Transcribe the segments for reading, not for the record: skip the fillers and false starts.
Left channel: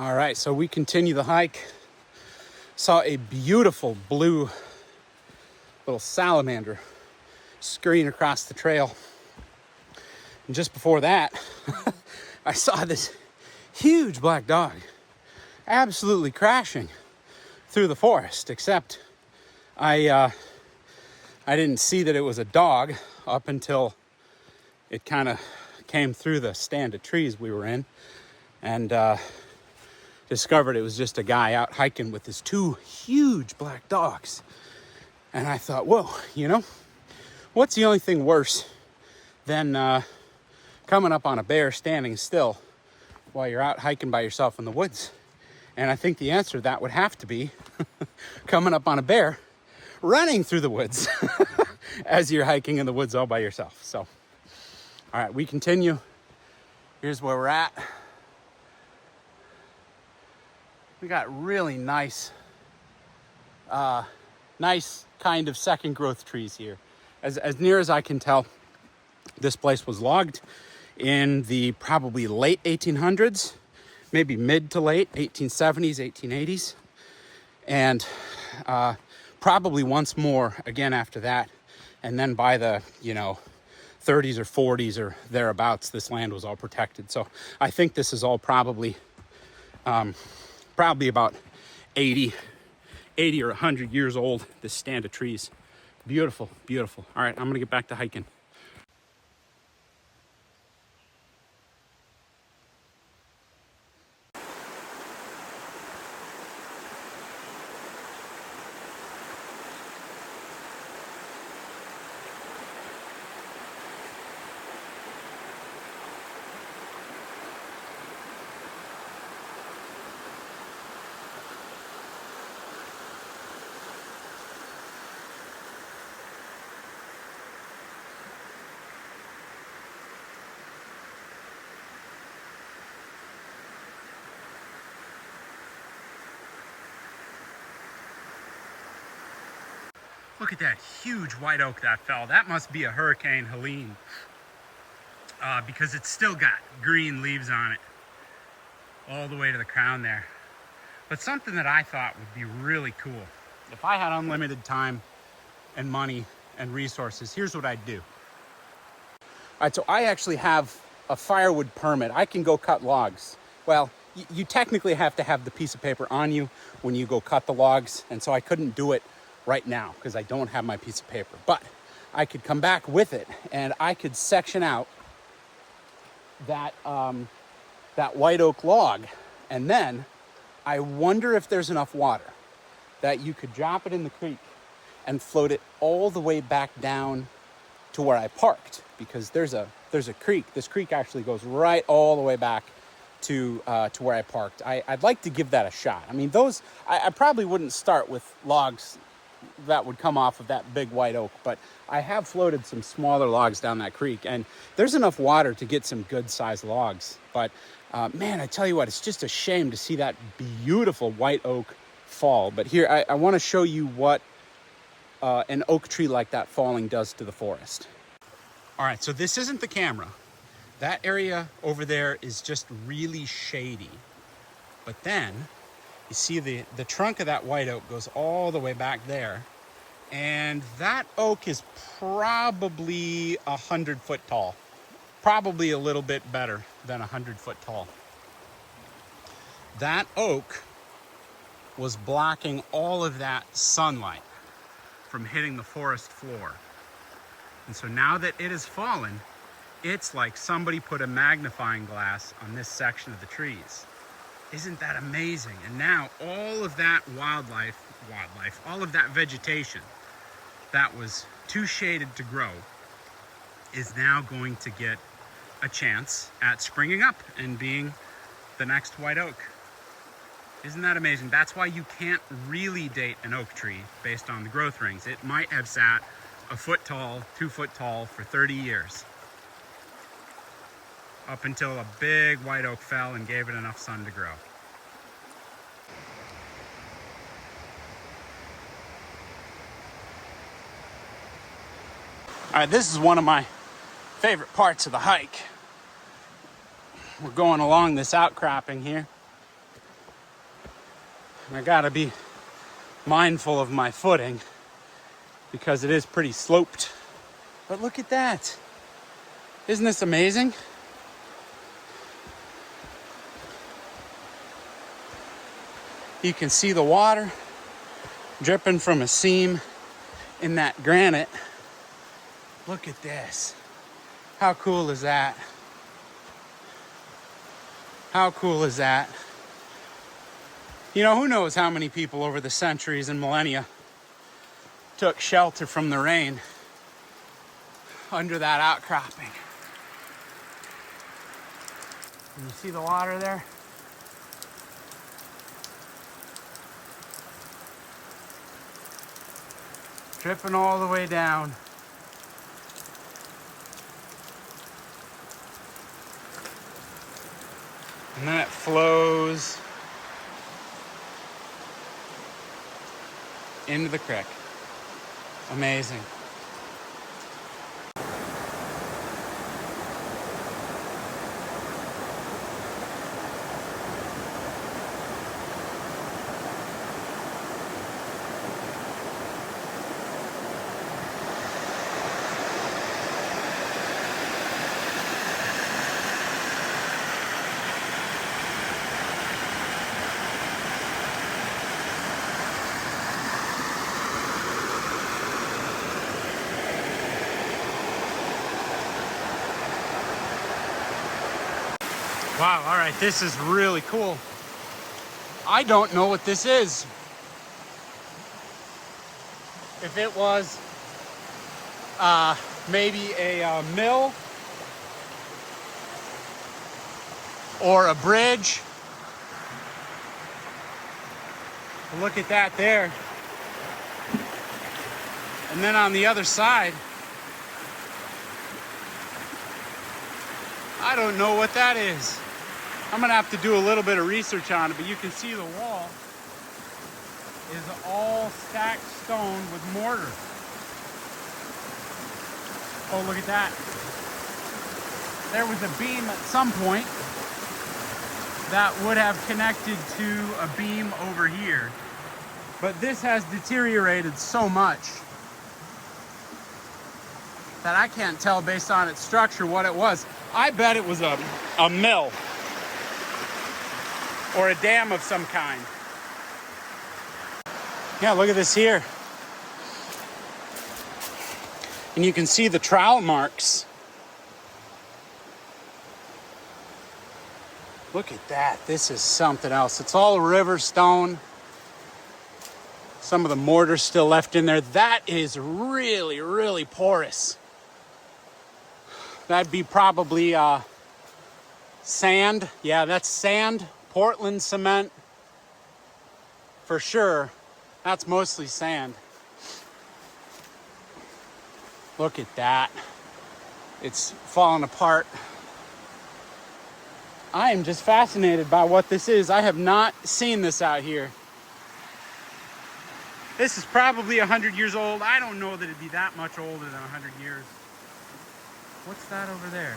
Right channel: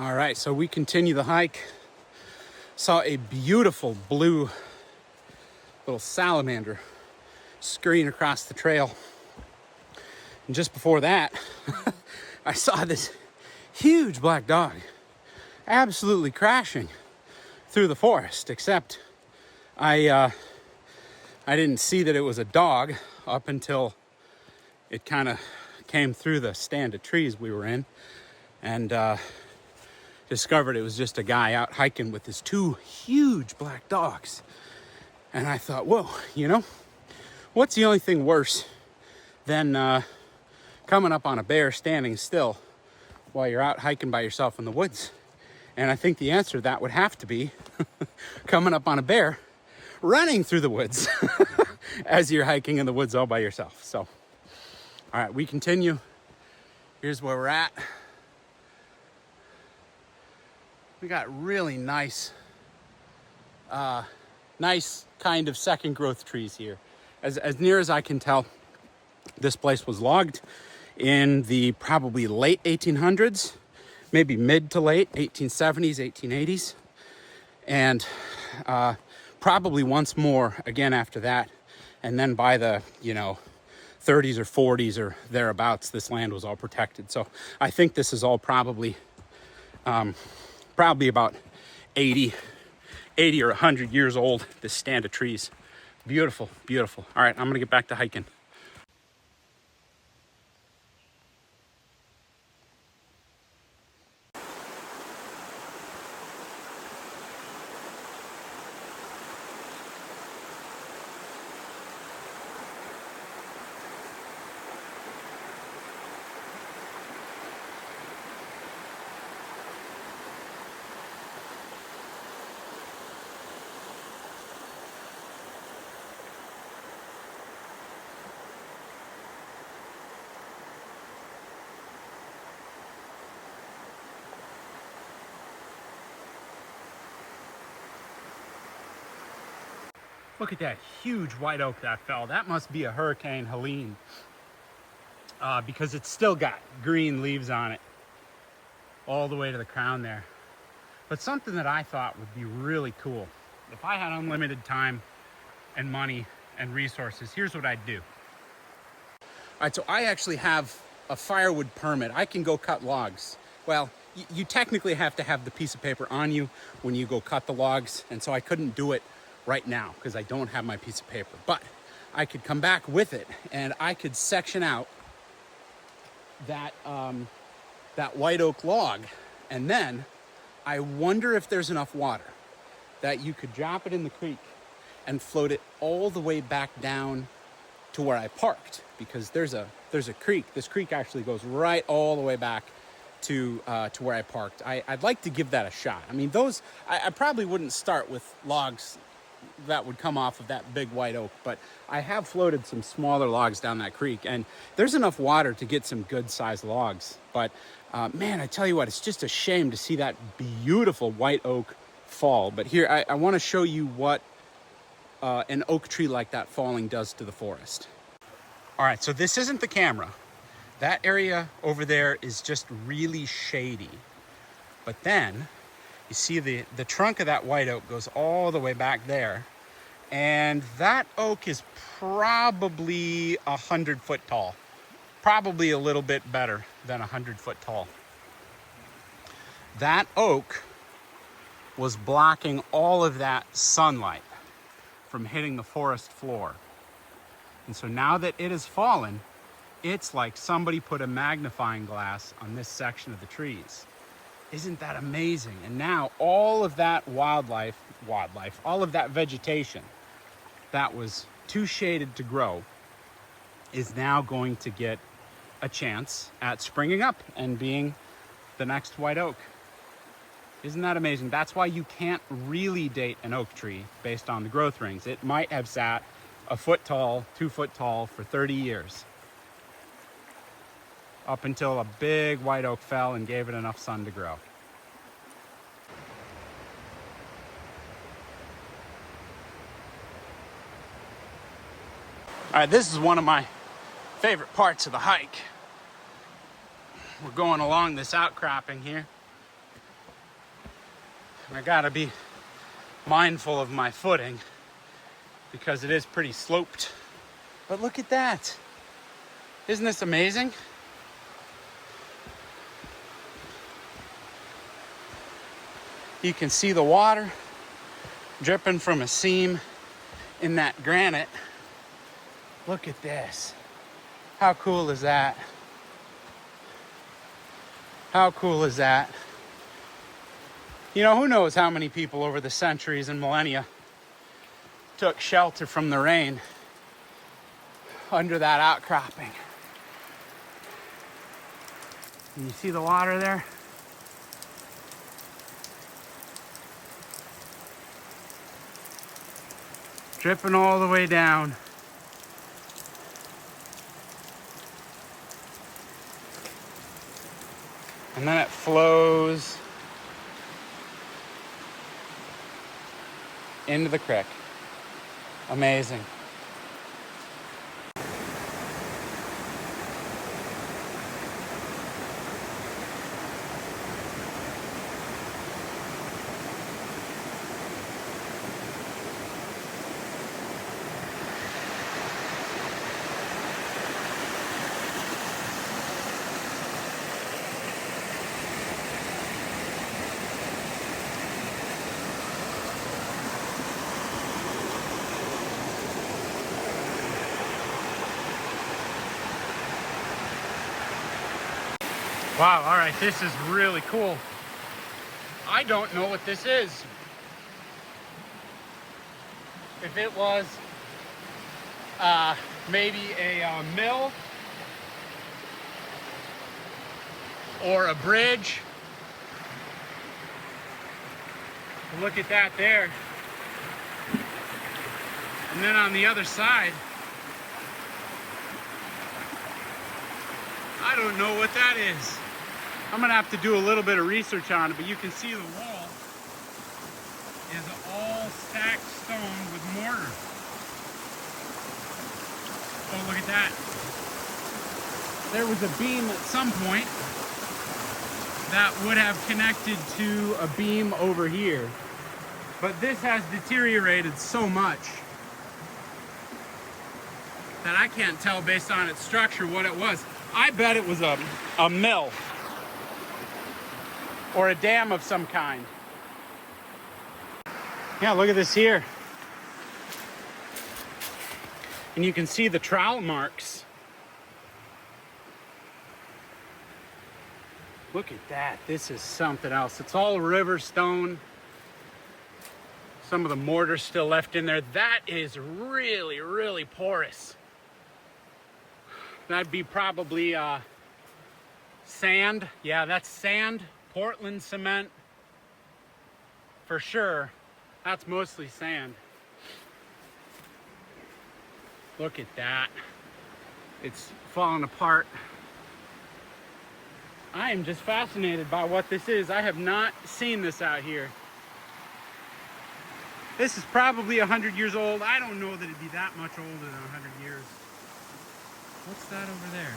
All right, so we continue the hike. Saw a beautiful blue little salamander scurrying across the trail. And just before that, I saw this huge black dog absolutely crashing through the forest, except I didn't see that it was a dog up until it kind of came through the stand of trees we were in, and discovered it was just a guy out hiking with his two huge black dogs. And I thought, whoa, what's the only thing worse than coming up on a bear standing still while you're out hiking by yourself in the woods? And I think the answer to that would have to be coming up on a bear running through the woods as you're hiking in the woods all by yourself. So, all right, we continue. Here's where we're at. We got really nice kind of second growth trees here. As near as I can tell, this place was logged in the probably late 1800s, maybe mid to late 1870s, 1880s. And probably once more again after that. And then by the, 30s or 40s or thereabouts, this land was all protected. So I think this is all probably about 80 or 100 years old, this stand of trees. Beautiful, beautiful. All right, I'm gonna get back to hiking. Look at that huge white oak that fell. That must be a Hurricane Helene, because it's still got green leaves on it all the way to the crown there. But something that I thought would be really cool, if I had unlimited time and money and resources, here's what I'd do. All right, so I actually have a firewood permit. I can go cut logs. Well, you technically have to have the piece of paper on you when you go cut the logs, and so I couldn't do it right now because I don't have my piece of paper, but I could come back with it and I could section out that white oak log, and then I wonder if there's enough water that you could drop it in the creek and float it all the way back down to where I parked, because there's a creek. This creek actually goes right all the way back to where I parked. I'd like to give that a shot. I mean, I probably wouldn't start with logs that would come off of that big white oak, but I have floated some smaller logs down that creek, and there's enough water to get some good sized logs. But man, I tell you what, it's just a shame to see that beautiful white oak fall. But here, I want to show you what an oak tree like that falling does to the forest. All right, so this isn't the camera. That area over there is just really shady. But then you see the trunk of that white oak goes all the way back there. And that oak is probably 100 foot tall. Probably a little bit better than 100 foot tall. That oak was blocking all of that sunlight from hitting the forest floor. And so now that it has fallen, it's like somebody put a magnifying glass on this section of the trees. Isn't that amazing? And now all of that wildlife, all of that vegetation that was too shaded to grow is now going to get a chance at springing up and being the next white oak. Isn't that amazing? That's why you can't really date an oak tree based on the growth rings. It might have sat a foot tall, 2 foot tall for 30 years. Up until a big white oak fell and gave it enough sun to grow. All right, this is one of my favorite parts of the hike. We're going along this outcropping here. I gotta be mindful of my footing because it is pretty sloped. But look at that. Isn't this amazing? You can see the water dripping from a seam in that granite. Look at this. How cool is that? How cool is that? You know, who knows how many people over the centuries and millennia took shelter from the rain under that outcropping. Can you see the water there? Dripping all the way down. And then it flows into the creek. Amazing. Wow, all right, this is really cool. I don't know what this is. If it was maybe a mill or a bridge. But look at that there. And then on the other side, I don't know what that is. I'm gonna have to do a little bit of research on it, but you can see the wall is all stacked stone with mortar. Oh, look at that. There was a beam at some point that would have connected to a beam over here. But this has deteriorated so much that I can't tell based on its structure what it was. I bet it was a mill or a dam of some kind. Yeah, look at this here. And you can see the trowel marks. Look at that. This is something else. It's all river stone. Some of the mortar's still left in there. That is really, really porous. That'd be probably sand. Yeah, that's sand. Portland cement. For sure. That's mostly sand. Look at that. It's falling apart. I am just fascinated by what this is. I have not seen this out here. This is probably 100 years old. I don't know that it'd be that much older than 100 years. What's that over there?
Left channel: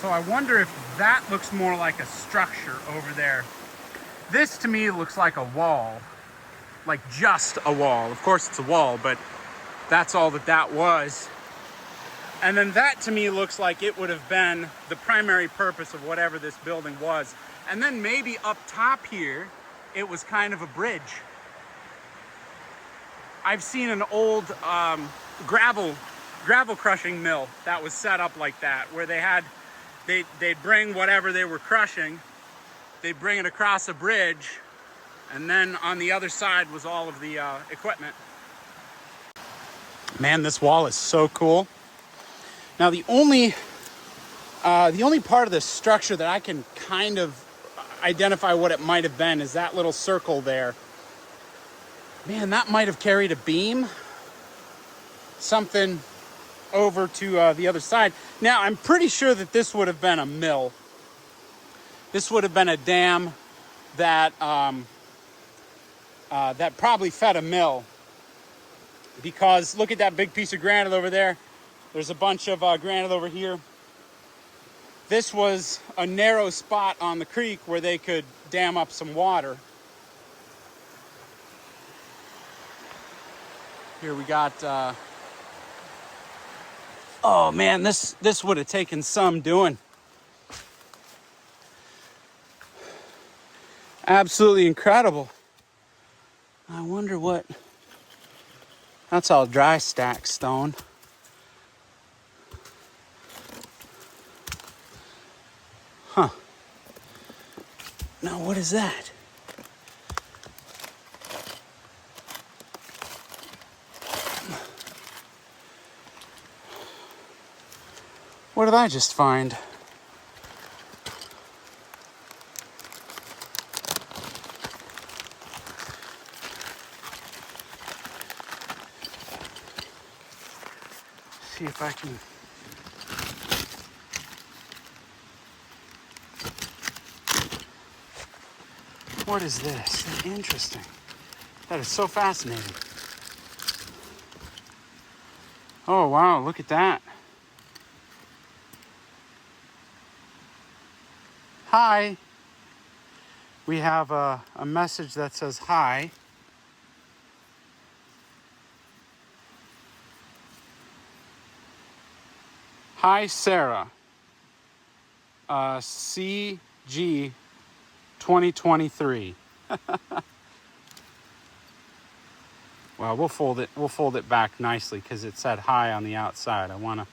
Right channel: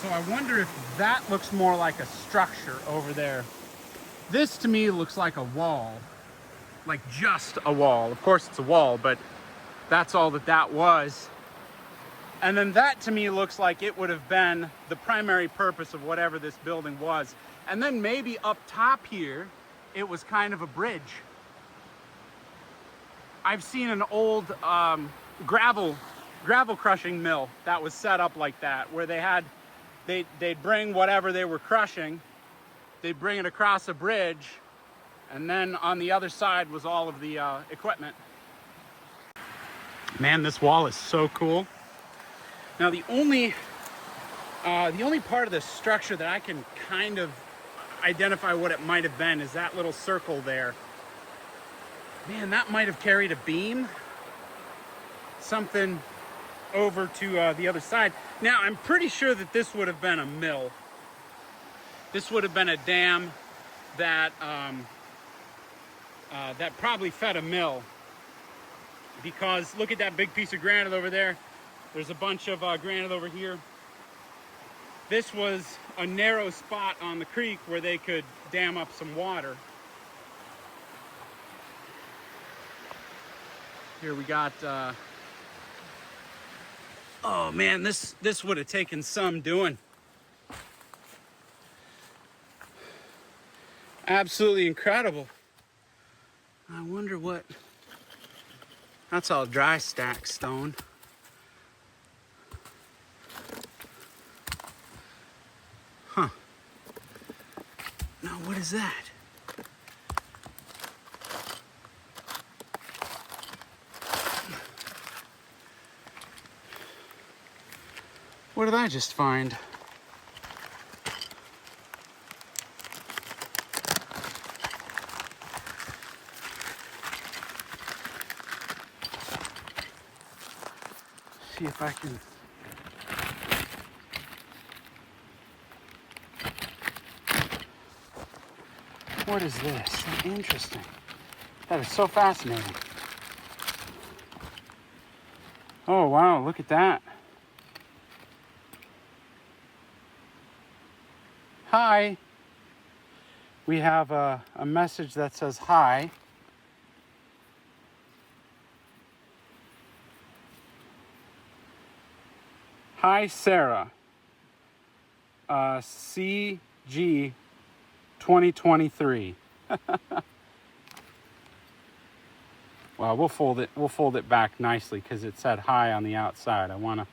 So I wonder if that looks more like a structure over there. This to me looks like a wall. Like just a wall. Of course it's a wall, but that's all that was. And then that to me looks like it would have been the primary purpose of whatever this building was. And then maybe up top here, it was kind of a bridge. I've seen an old gravel crushing mill that was set up like that, where they'd bring whatever they were crushing, they'd bring it across a bridge, and then on the other side was all of the equipment. Man, this wall is so cool. Now the only part of the structure that I can kind of identify what it might have been is that little circle there. Man, that might have carried a beam, something over to the other side. Now, I'm pretty sure that this would have been a mill. This would have been a dam that that probably fed a mill. Because look at that big piece of granite over there. There's a bunch of granite over here. this was a narrow spot on the creek where they could dam up some water. Here we got, oh man, this would have taken some doing. Absolutely incredible. I wonder what, that's all dry stack stone. Huh. Now what is that? What did I just find? See if I can. What is this? Interesting. That is so fascinating. Oh wow, look at that. Hi. We have a message that says hi. Hi, Sarah. CG 2023. Well, we'll fold it back nicely because it said hi on the outside. I want to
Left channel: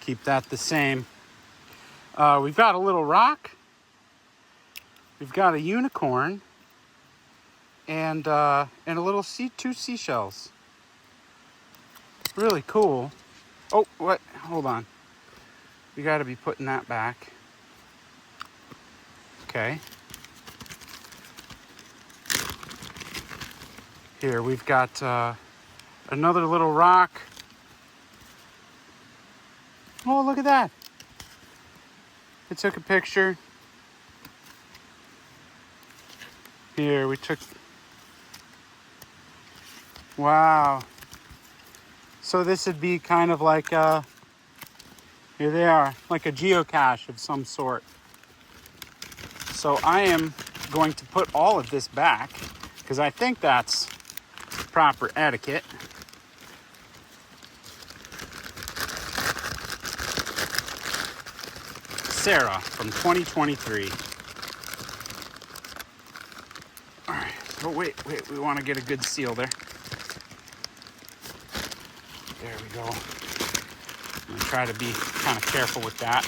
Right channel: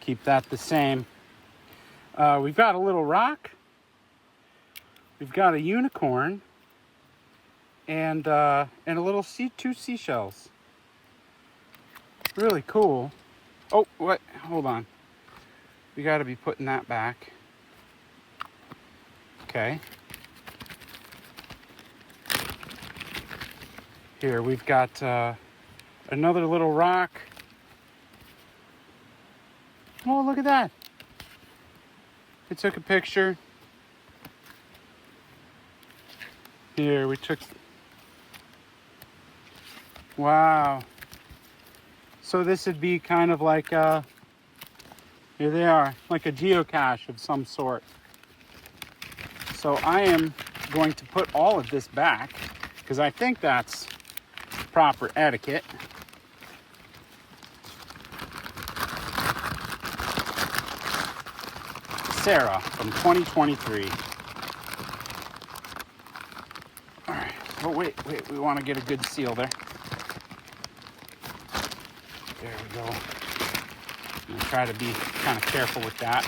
keep that the same. We've got a little rock. We've got a unicorn. And a little two seashells. Really cool. Oh, what? Hold on. We got to be putting that back. Okay. Here, we've got another little rock. Oh, look at that. It took a picture. Here, we took... Wow. So this would be kind of like here they are, like a geocache of some sort. So I am going to put all of this back because I think that's proper etiquette. Sarah from 2023. All right. Oh, wait. We want to get a good seal there. There we go. I'm going to try to be kind of careful with that.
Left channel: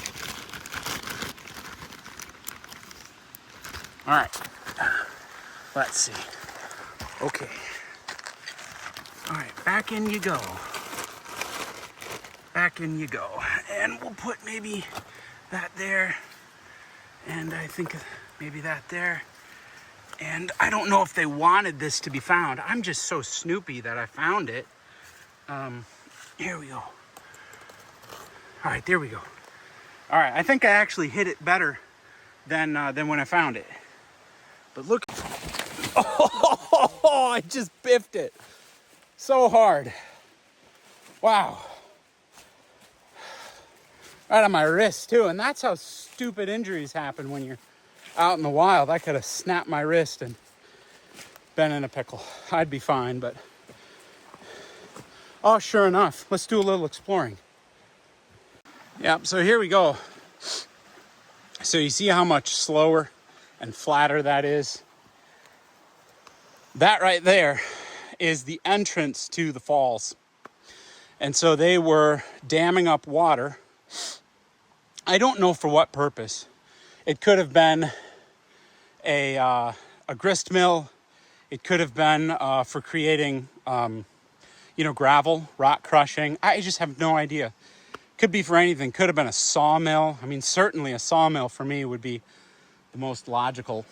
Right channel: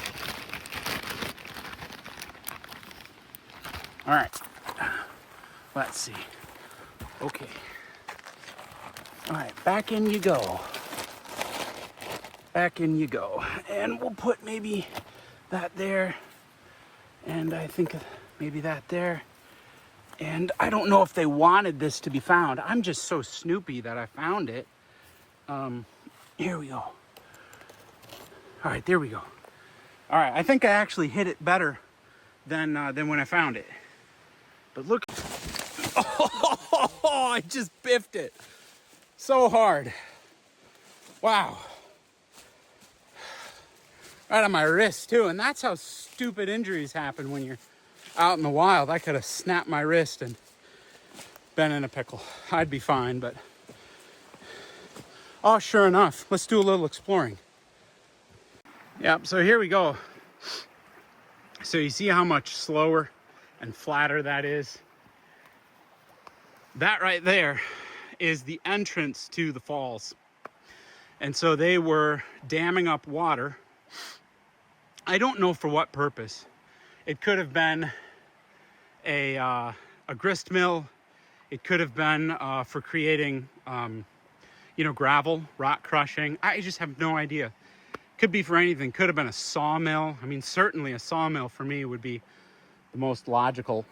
All right. Let's see. Okay. All right, back in you go. Back in you go. And we'll put maybe that there. And I think maybe that there. And I don't know if they wanted this to be found. I'm just so snoopy that I found it. Here we go. All right, there we go. All right, I think I actually hit it better than when I found it. But look. Oh, I just biffed it so hard. Wow. Right on my wrist too. And that's how stupid injuries happen when you're out in the wild. I could have snapped my wrist and been in a pickle. I'd be fine, but... Oh, sure enough. Let's do a little exploring. Yep, so here we go. So you see how much slower and flatter that is? That right there is the entrance to the falls. And so they were damming up water. I don't know for what purpose. It could have been a grist mill. It could have been for creating, gravel, rock crushing. I just have no idea. Could be for anything. Could have been a sawmill. I mean, certainly a sawmill for me would be the most logical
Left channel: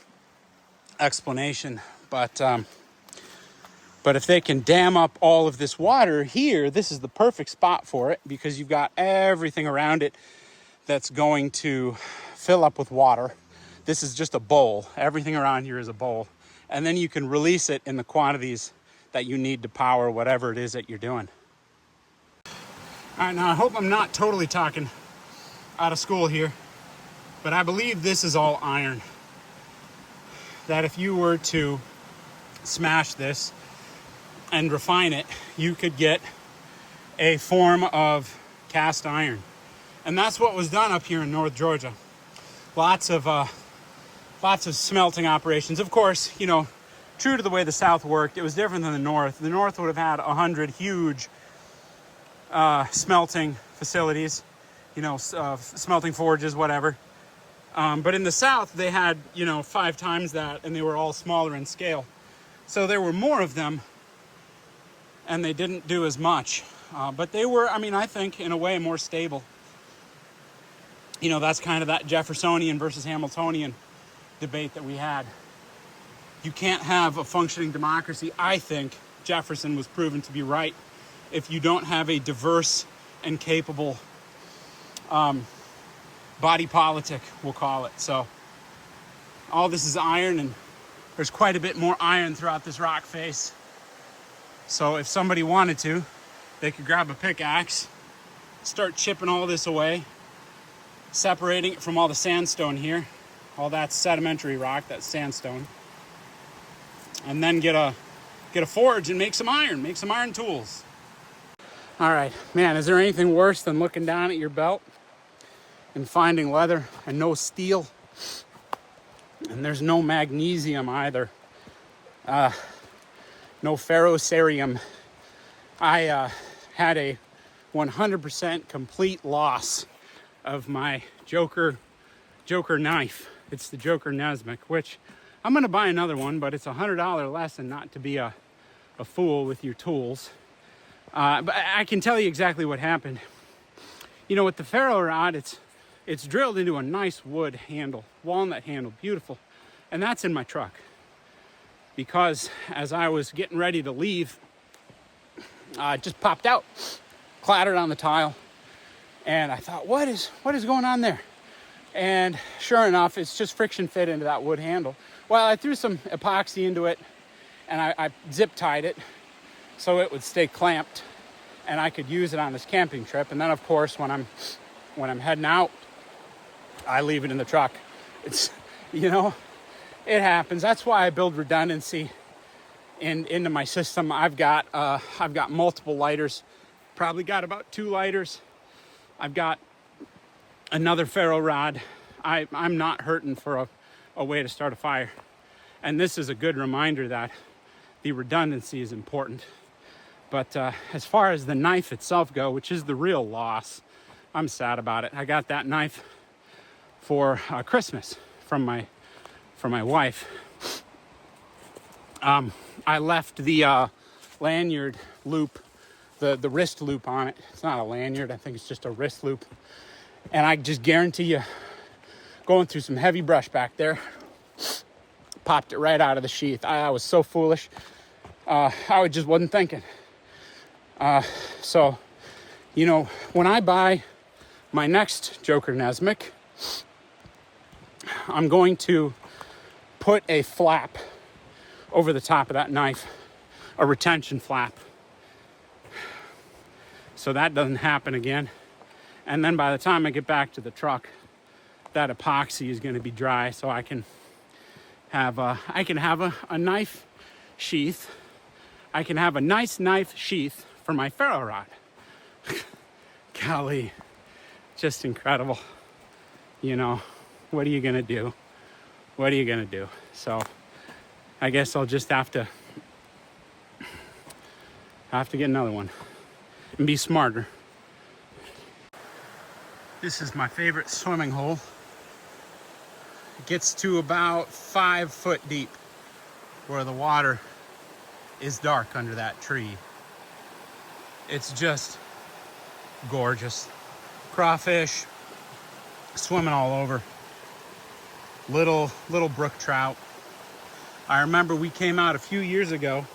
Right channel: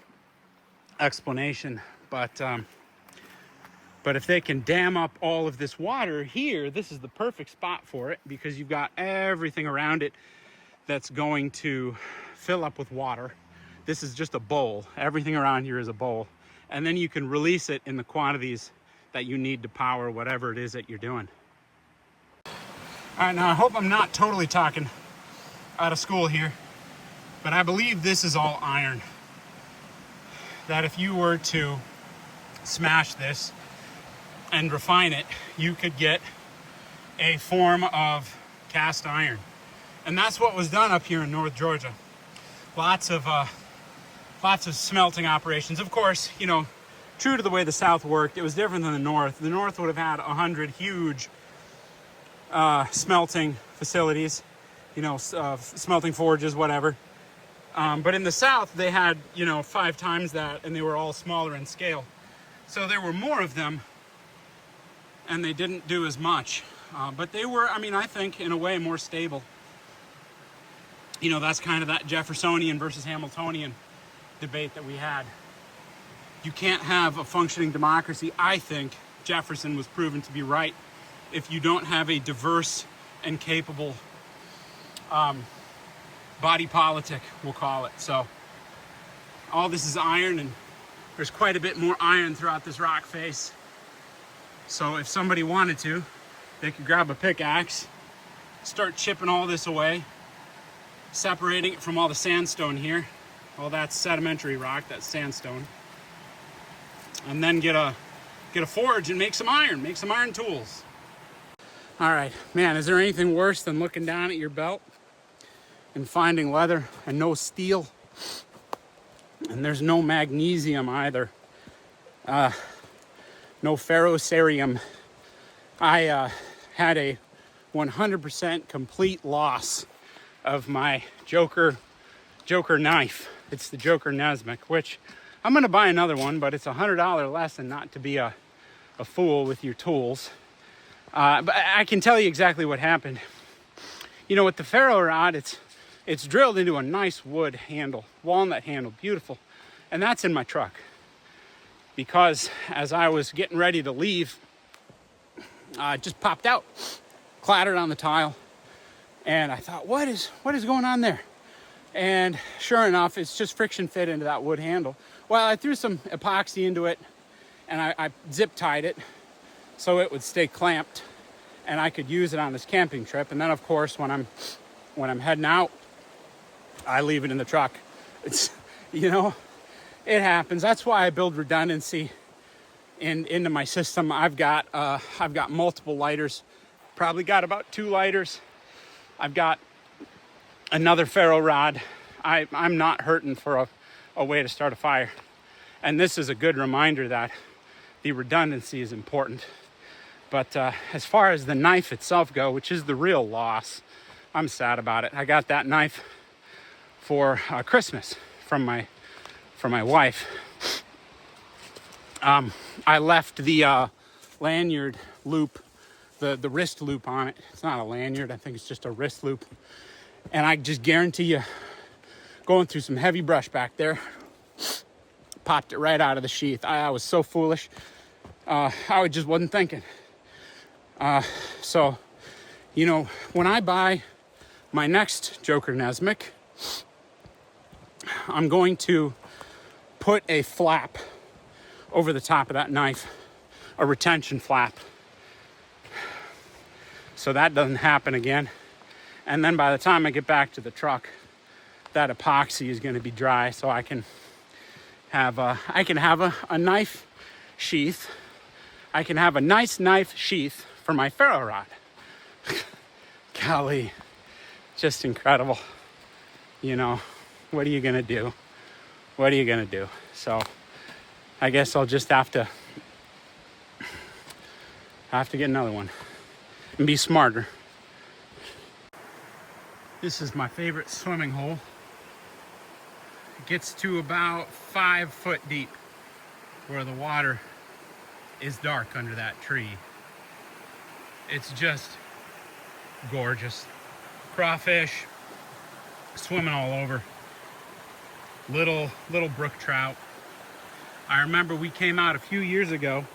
explanation. But if they can dam up all of this water here, this is the perfect spot for it because you've got everything around it that's going to fill up with water. This is just a bowl. Everything around here is a bowl. And then you can release it in the quantities that you need to power whatever it is that you're doing. All right, now I hope I'm not totally talking out of school here, but I believe this is all iron. That if you were to smash this and refine it, you could get a form of cast iron. And that's what was done up here in North Georgia. Lots of smelting operations. Of course, you know, true to the way the South worked, it was different than the North. The North would have had 100 huge smelting facilities, you know, smelting forges, whatever. But in the South, they had, you know, 5 times that, and they were all smaller in scale. So there were more of them, and they didn't do as much. But they were, I mean, I think, in a way, more stable. You know, that's kind of that Jeffersonian versus Hamiltonian debate that we had. You can't have a functioning democracy. I think Jefferson was proven to be right if you don't have a diverse and capable body politic, we'll call it. So all this is iron, and there's quite a bit more iron throughout this rock face. So if somebody wanted to, they could grab a pickaxe, start chipping all this away, separating it from all the sandstone here. All that's sedimentary rock, that's sandstone. And then get a forge and make some iron tools. All right, man, is there anything worse than looking down at your belt and finding leather and no steel? And there's no magnesium either. No ferrocerium. I had a 100% complete loss of my Joker knife. It's the Joker Nesmic, which I'm gonna buy another one, but it's a $100 lesson not to be a fool with your tools. But I can tell you exactly what happened. You know, with the ferro rod, it's drilled into a nice wood handle, walnut handle, beautiful. And that's in my truck. Because as I was getting ready to leave, it just popped out, clattered on the tile. And I thought, what is going on there? And sure enough, it's just friction fit into that wood handle. Well, I threw some epoxy into it, and I zip tied it so it would stay clamped, and I could use it on this camping trip. And then, of course, when I'm heading out, I leave it in the truck. It's, you know, it happens. That's why I build redundancy into my system. I've got multiple lighters. Probably got about 2 lighters. I've got another ferro rod. I'm not hurting for a way to start a fire. And this is a good reminder that the redundancy is important. But as far as the knife itself go, which is the real loss, I'm sad about it. I got that knife for Christmas from my wife. I left the lanyard loop, the wrist loop on it. It's not a lanyard, I think it's just a wrist loop. And I just guarantee you, going through some heavy brush back there, popped it right out of the sheath. I was so foolish. I just wasn't thinking. So, you know, when I buy my next Joker Nesmic, I'm going to put a flap over the top of that knife, a retention flap, so that doesn't happen again. And then by the time I get back to the truck, that epoxy is going to be dry, so I can have a knife sheath. I can have a nice knife sheath for my ferro rod. Golly, just incredible. You know, what are you going to do? What are you going to do? So I guess I'll just have to get another one and be smarter. This is my favorite swimming hole. It gets to about 5 foot deep, where the water is dark under that tree. It's just gorgeous. Crawfish swimming all over. Little brook trout. I remember we came out a few years ago,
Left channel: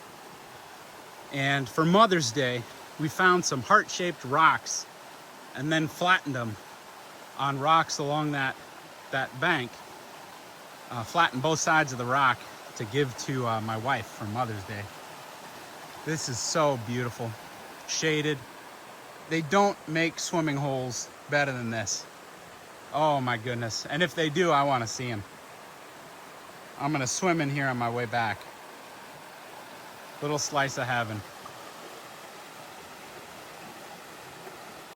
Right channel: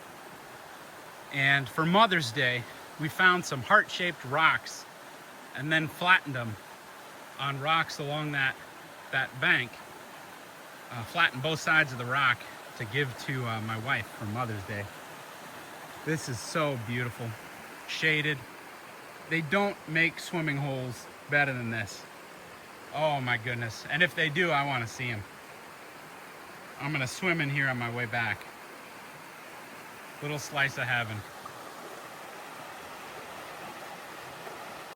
and for Mother's Day, we found some heart-shaped rocks and then flattened them on rocks along that bank. Flattened both sides of the rock to give to my wife for Mother's Day. This is so beautiful. Shaded, They don't make swimming holes better than this. Oh my goodness. And if they do, I want to see them. I'm gonna swim in here on my way back. Little slice of heaven.